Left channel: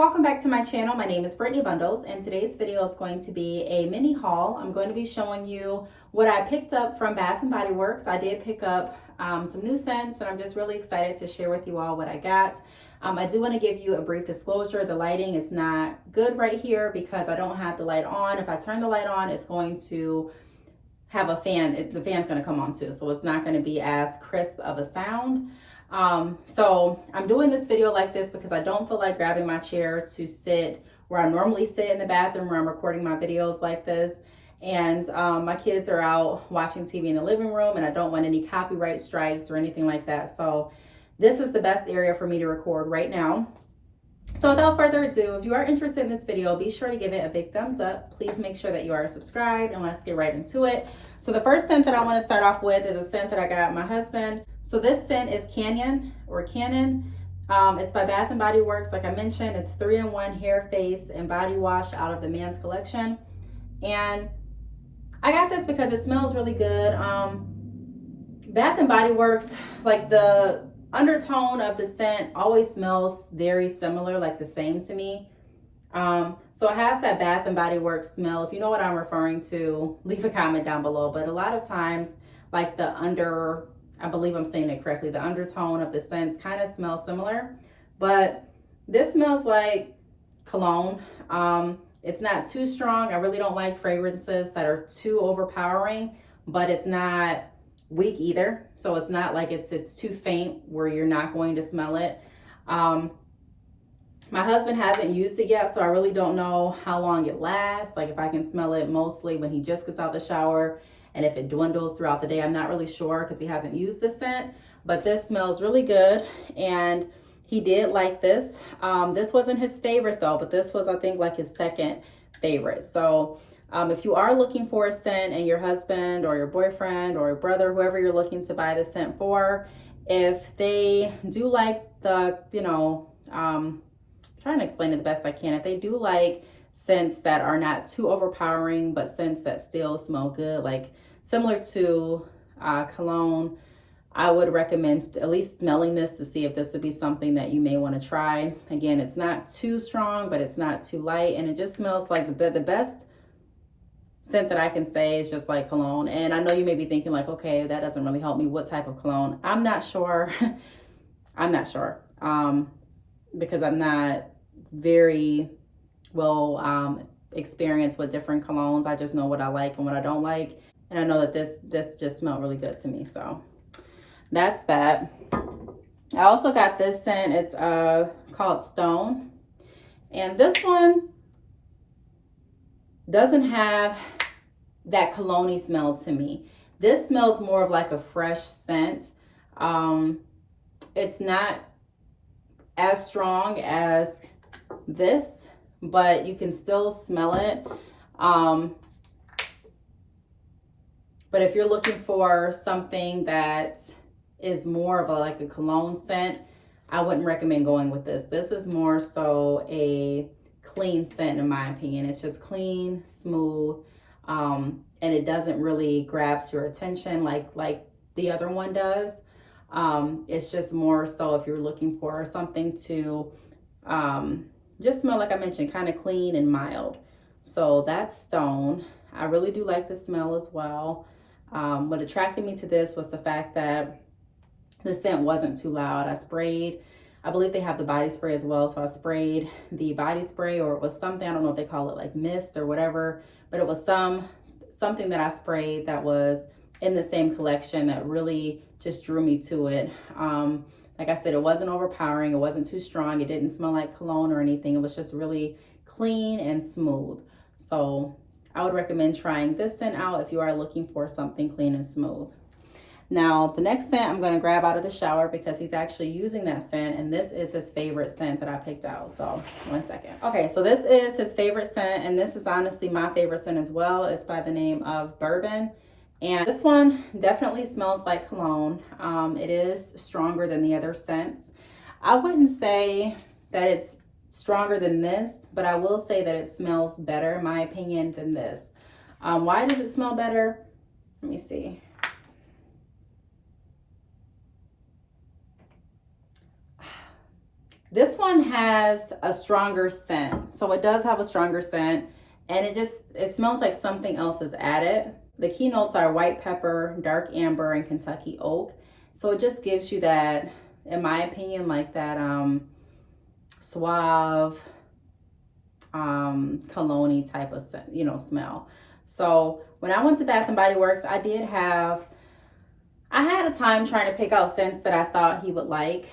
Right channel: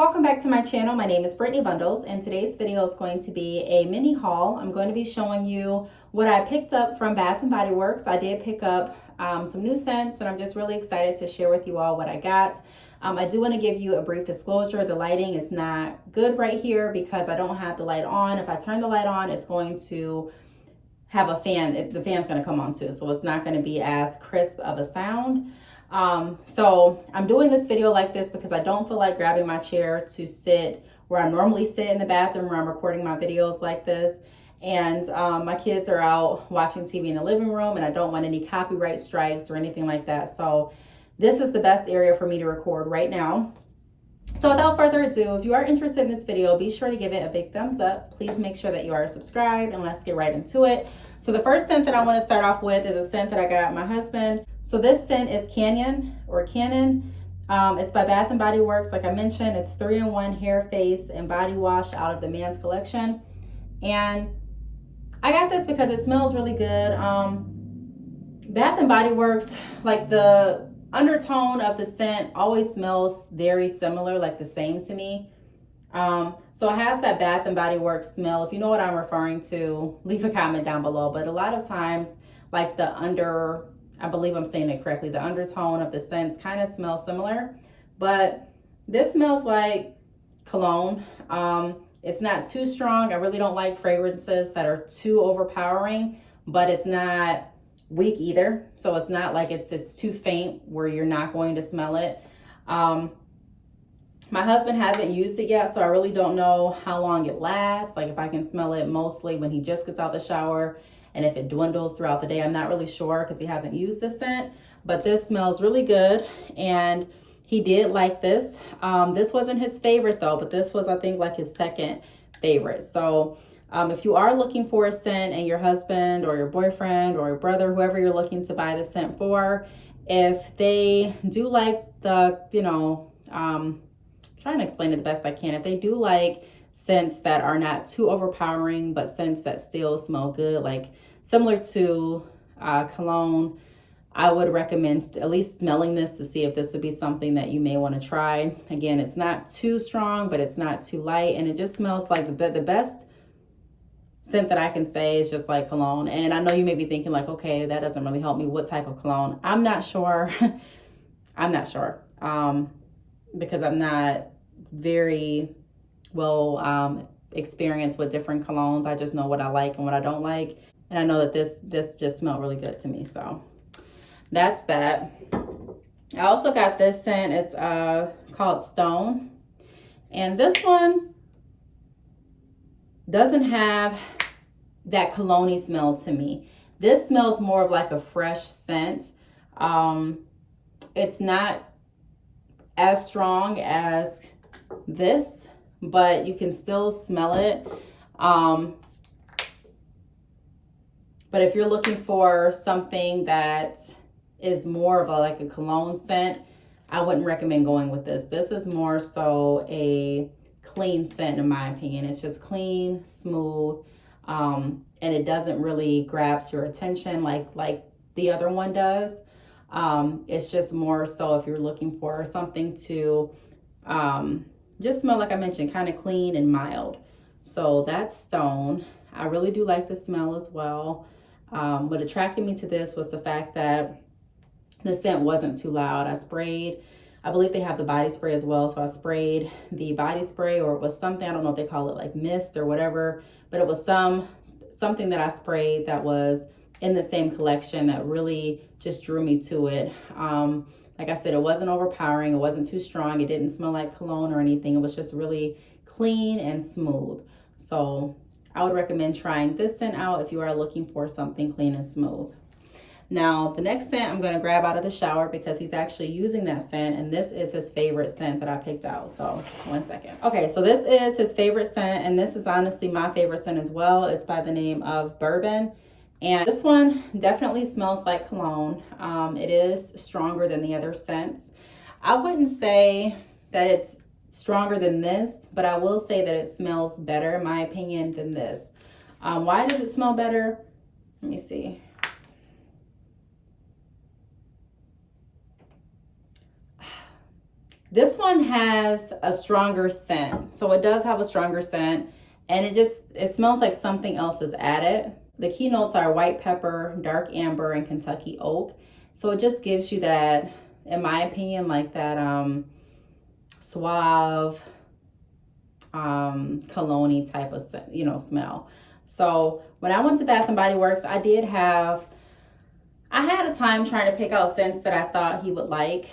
welcome back to my channel. My name is Brittney Bundles, and today's video is going to be a mini haul. I'm going to be showing you what I picked up from Bath & Body Works. I did pick up some new scents, and I'm just really excited to share with you all what I got. I do want to give you a brief disclosure. The lighting is not good right here because I don't have the light on. If I turn the light on, it's going to have a fan. The fan's going to come on too, so it's not going to be as crisp of a sound. So I'm doing this video like this because I don't feel like grabbing my chair to sit where I normally sit in the bathroom where I'm recording my videos like this. And my kids are out watching TV in the living room, and I don't want any copyright strikes or anything like that. So this is the best area for me to record right now. So without further ado, if you are interested in this video, be sure to give it a big thumbs up. Please make sure that you are subscribed, and let's get right into it. So the first scent that I want to start off with is a scent that I got my husband. So this scent is Canyon. It's by Bath & Body Works. Like I mentioned, it's 3-in-1 hair, face, and body wash out of the Man's Collection. And I got this because it smells really good. Bath & Body Works, like the undertone of the scent always smells very similar, like the same to me. So it has that Bath & Body Works smell. If you know what I'm referring to, leave a comment down below. But a lot of times, like I believe I'm saying it correctly, the undertone of the scents kind of smells similar. But this smells like cologne. It's not too strong. I really don't like fragrances that are too overpowering, but it's not weak either. So it's not like it's too faint where you're not going to smell it. My husband hasn't used it yet, so I really don't know how long it lasts. Like if I can smell it mostly when he just gets out the shower, and if it dwindles throughout the day, I'm not really sure because he hasn't used this scent. But this smells really good, and he did like this. This wasn't his favorite though, but this was, I think, like his second favorite. So if you are looking for a scent and your husband or your boyfriend or your brother, whoever you're looking to buy the scent for, if they do like the, trying to explain it the best I can. If they do like scents that are not too overpowering, but scents that still smell good, like similar to cologne, I would recommend at least smelling this to see if this would be something that you may want to try. Again, it's not too strong, but it's not too light, and it just smells like the best scent that I can say is just like cologne. And I know you may be thinking like, okay, that doesn't really help me. What type of cologne? I'm not sure. I'm not sure. Because I'm not very well experienced with different colognes. I just know what I like and what I don't like. And I know that this just smelled really good to me. So that's that. I also got this scent. It's called Stone. And this one doesn't have that cologne-y smell to me. This smells more of like a fresh scent. It's not as strong as this, but you can still smell it. But if you're looking for something that is more of like a cologne scent, I wouldn't recommend going with this. This is more so a clean scent in my opinion. It's just clean, smooth, and it doesn't really grasp your attention like the other one does. It's just more so if you're looking for something to just smell, like I mentioned, kind of clean and mild. So that's Stone. I really do like the smell as well. What attracted me to this was the fact that the scent wasn't too loud. I believe they have the body spray as well. So I sprayed the body spray, or it was something, I don't know if they call it like mist or whatever, but it was something that I sprayed that was in the same collection that really just drew me to it. Like I said, it wasn't overpowering. It wasn't too strong. It didn't smell like cologne or anything. It was just really clean and smooth. So I would recommend trying this scent out if you are looking for something clean and smooth. Now, the next scent I'm going to grab out of the shower because he's actually using that scent, and this is his favorite scent that I picked out. So, one second. Okay, so this is his favorite scent, and this is honestly my favorite scent as well. It's by the name of Bourbon. And this one definitely smells like cologne. It is stronger than the other scents. I wouldn't say that it's stronger than this, but I will say that it smells better, in my opinion, than this. Why does it smell better? Let me see. This one has a stronger scent. So it does have a stronger scent, and it smells like something else is added. The key notes are white pepper, dark amber, and Kentucky oak. So it just gives you that, in my opinion, like that suave cologne type of, smell. So when I went to Bath and Body Works, I had a time trying to pick out scents that I thought he would like,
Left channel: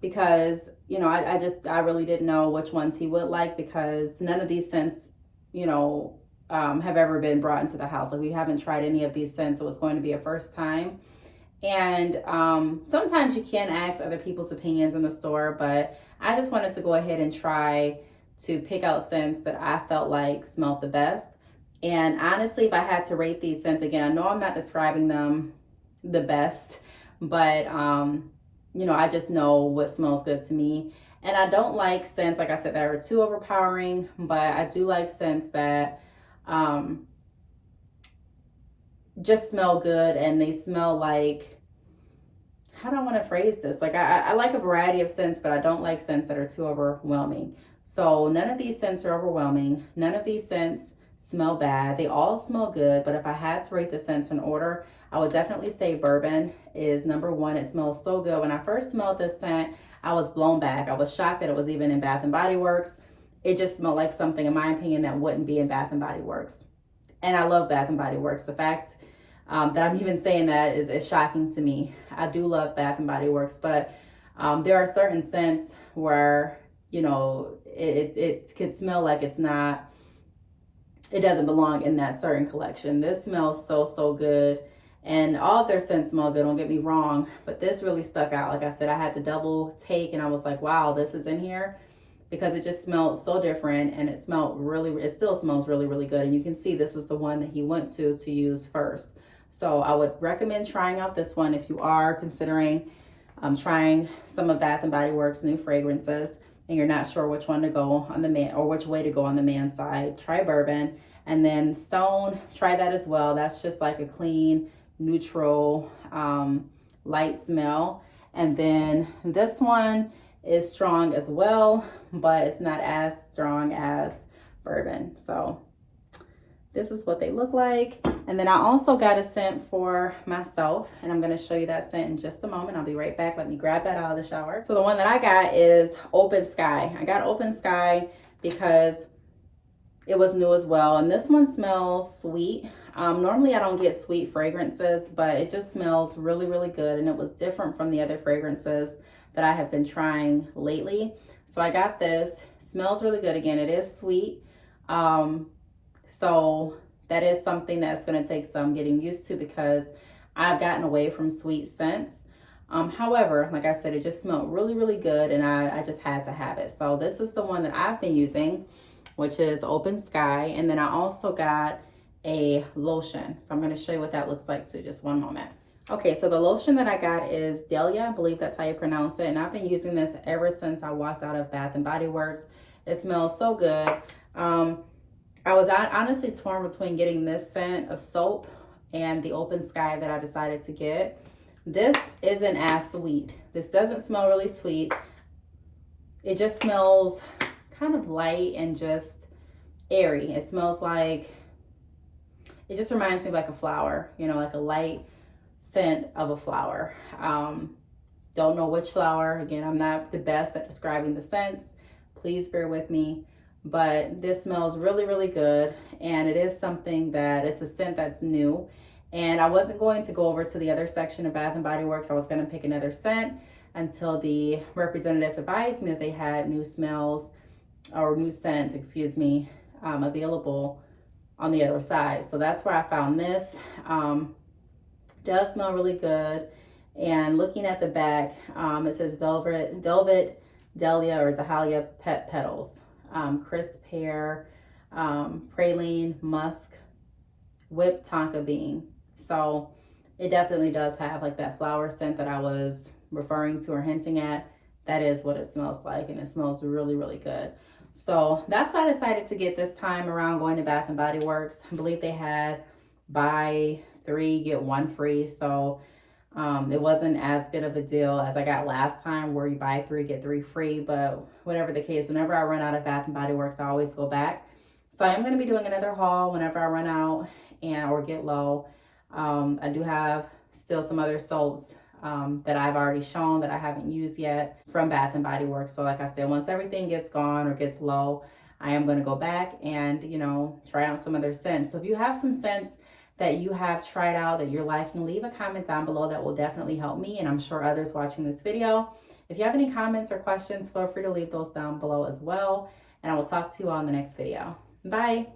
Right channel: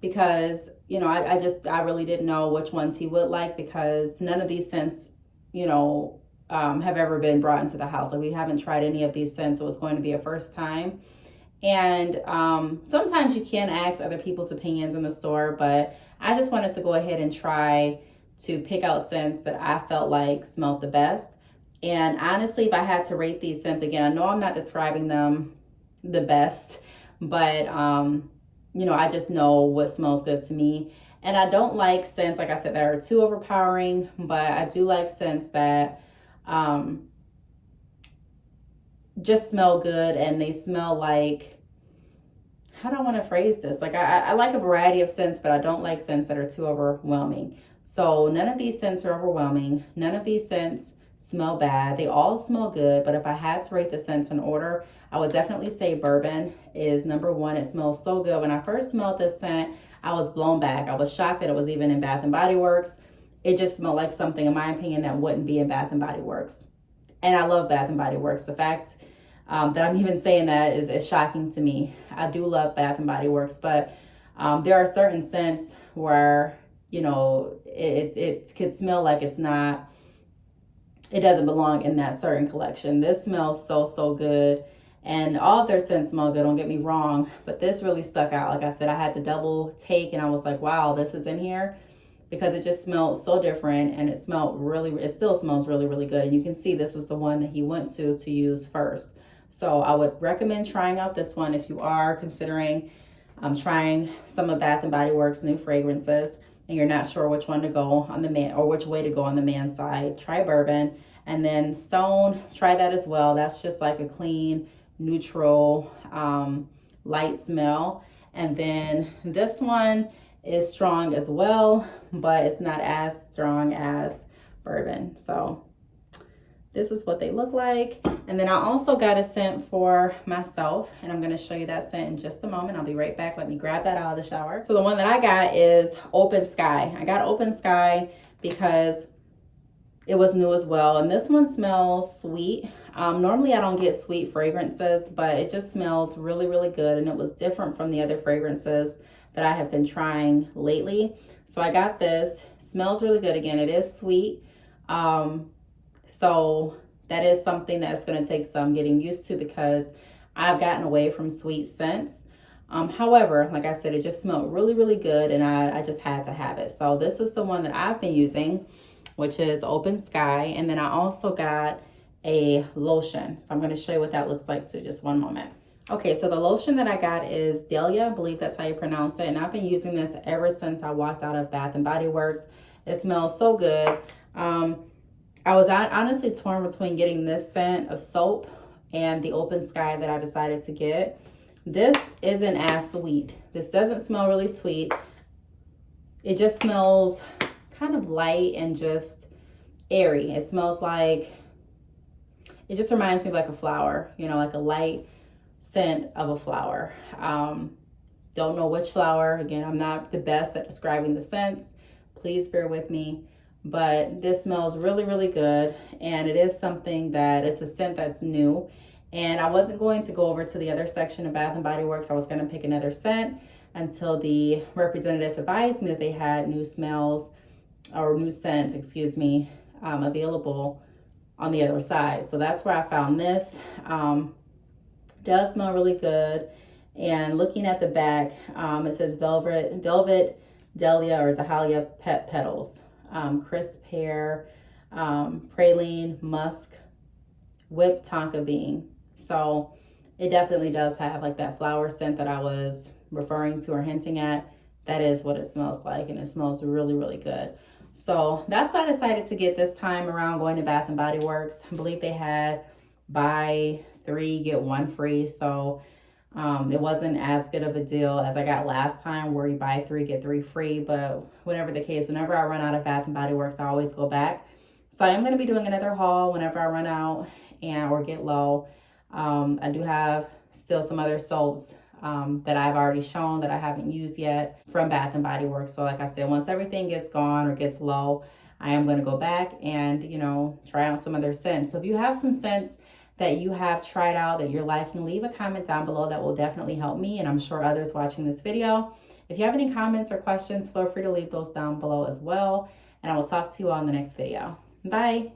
because I really didn't know which ones he would like, because none of these scents have ever been brought into the house. Like, we haven't tried any of these scents. It was going to be a first time. And sometimes you can ask other people's opinions in the store, but I just wanted to go ahead and try to pick out scents that I felt like smelled the best. And honestly, if I had to rate these scents, again, I know I'm not describing them the best, but I just know what smells good to me. And I don't like scents, like I said, that are too overpowering, but I do like scents that just smell good, and they smell like, how do I want to phrase this? Like, I like a variety of scents, but I don't like scents that are too overwhelming. So none of these scents are overwhelming. None of these scents smell bad. They all smell good, but if I had to rate the scents in order, I would definitely say Bourbon is number one. It smells so good. When I first smelled this scent, I was blown back. I was shocked that it was even in Bath and Body Works. It just smelled like something, in my opinion, that wouldn't be in Bath and Body Works. And I love Bath and Body Works. The fact that I'm even saying that is shocking to me. I do love Bath and Body Works, but there are certain scents where, it could smell like it doesn't belong in that certain collection. This smells so good. And all of their scents smell good, don't get me wrong, but this really stuck out. Like I said, I had to double take, and I was like, wow, this is in here, because it just smelled so different, and it still smells really good. And you can see this is the one that he went to use first. So I would recommend trying out this one if you are considering trying some of Bath and Body Works new fragrances, and you're not sure which one to go on the man, or which way to go on the man side. Try Bourbon. And then Stone, try that as well. That's just like a clean, neutral, light smell. And then this one is strong as well, but it's not as strong as Bourbon. So this is what they look like. And then I also got a scent for myself, and I'm going to show you that scent in just a moment. I'll be right back. Let me grab that out of the shower. So the one that I got is Open Sky. I got Open Sky because it was new as well. And this one smells sweet. Normally I don't get sweet fragrances, but it just smells really good. And it was different from the other fragrances that I have been trying lately. So I got this. Smells really good. Again, it is sweet. So that is something that's going to take some getting used to, because I've gotten away from sweet scents. However, like I said, it just smelled really good, and I just had to have it. So this is the one that I've been using, which is Open Sky. And then I also got a lotion. So I'm going to show you what that looks like too. Just one moment. Okay, so the lotion that I got is Dahlia. I believe that's how you pronounce it. And I've been using this ever since I walked out of Bath and Body Works. It smells so good. I was honestly torn between getting this scent of soap and the Open Sky that I decided to get. This isn't as sweet. This doesn't smell really sweet. It just smells kind of light and just airy. It smells like, it just reminds me of like a flower, like a light scent of a flower. Don't know which flower. Again, I'm not the best at describing the scents. Please bear with me. But this smells really good, and it is something that, it's a scent that's new. And I wasn't going to go over to the other section of Bath and Body Works. I was going to pick another scent until the representative advised me that they had new smells, or new scents, available on the other side. So that's where I found this. Does smell really good. And looking at the back, it says Velvet Dahlia or Dahlia Pet Petals. Crisp pear, praline, musk, whipped tonka bean. So it definitely does have like that flower scent that I was referring to or hinting at. That is what it smells like, and it smells really good. So that's what I decided to get this time around going to Bath and Body Works. I believe they had buy 3 get 1 free. So It wasn't as good of a deal as I got last time where you buy 3, get 3 free, but whatever the case, whenever I run out of Bath and Body Works, I always go back. So I am going to be doing another haul whenever I run out or get low. I do have still some other soaps that I've already shown that I haven't used yet from Bath and Body Works. So like I said, once everything gets gone or gets low, I am going to go back and, you know, try out some other scents. So if you have some scents that you have tried out that you're liking, leave a comment down below. That will definitely help me, and I'm sure others watching this video. If you have any comments or questions, feel free to leave those down below as well, and I will talk to you all in the next video. Bye.